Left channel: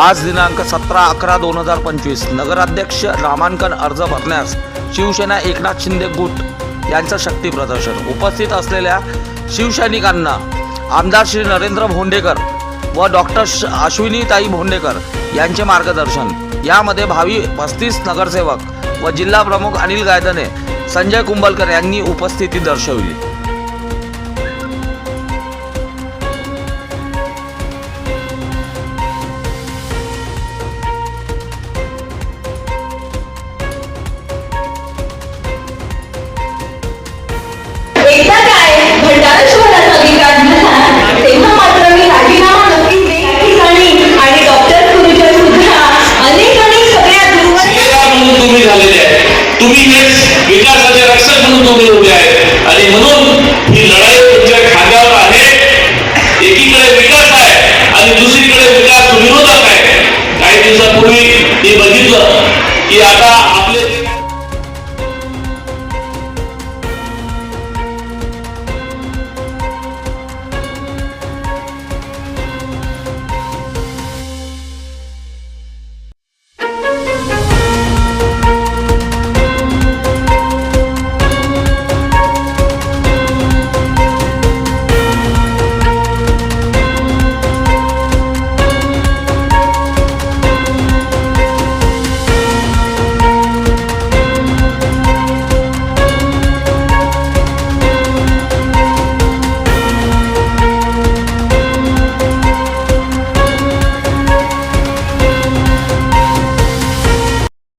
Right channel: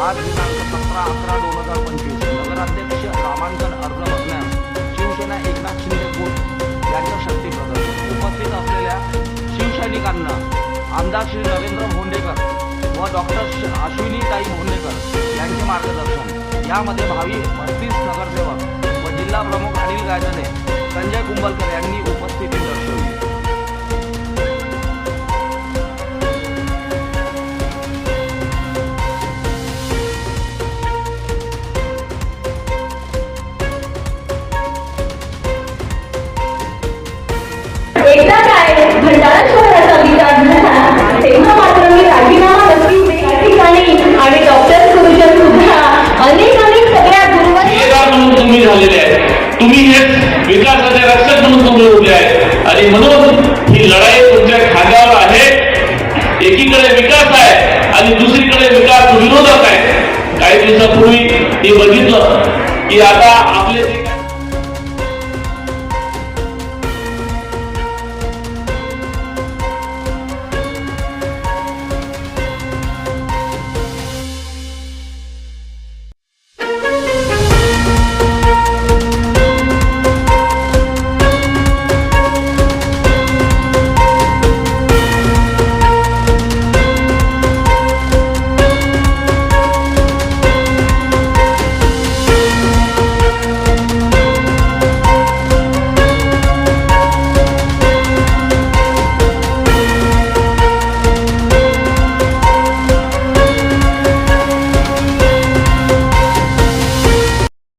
आज दिनांक सतरा अकरा दोन हजार पंचवीस. नगराध्यक्ष नामांकन अर्ज भरण्यास शिवसेना एकनाथ शिंदे गुट यांचं शक्ती प्रदर्शन. उपस्थित असलेल्या शिवसैनिकांना आमदार श्री नरेंद्र भोंडेकर व डॉक्टर अश्विनीताई भोंडेकर यांचे मार्गदर्शन. यामध्ये भावी पस्तीस नगरसेवक व जिल्हा प्रमुख अनिल गायदने संजय कुंभलकर यांनी उपस्थिती दर्शवली. तुम्ही हेच विकासाचे रक्षक म्हणून तुम्ही उभे आहे. आणि म्हणून ही लढाई तुमच्या खांद्यावर आहे. एकीकडे विकास आहे आणि दुसरीकडे विकास विरोधात आहे. काही दिवसापूर्वी मी बघितलं की आता आपले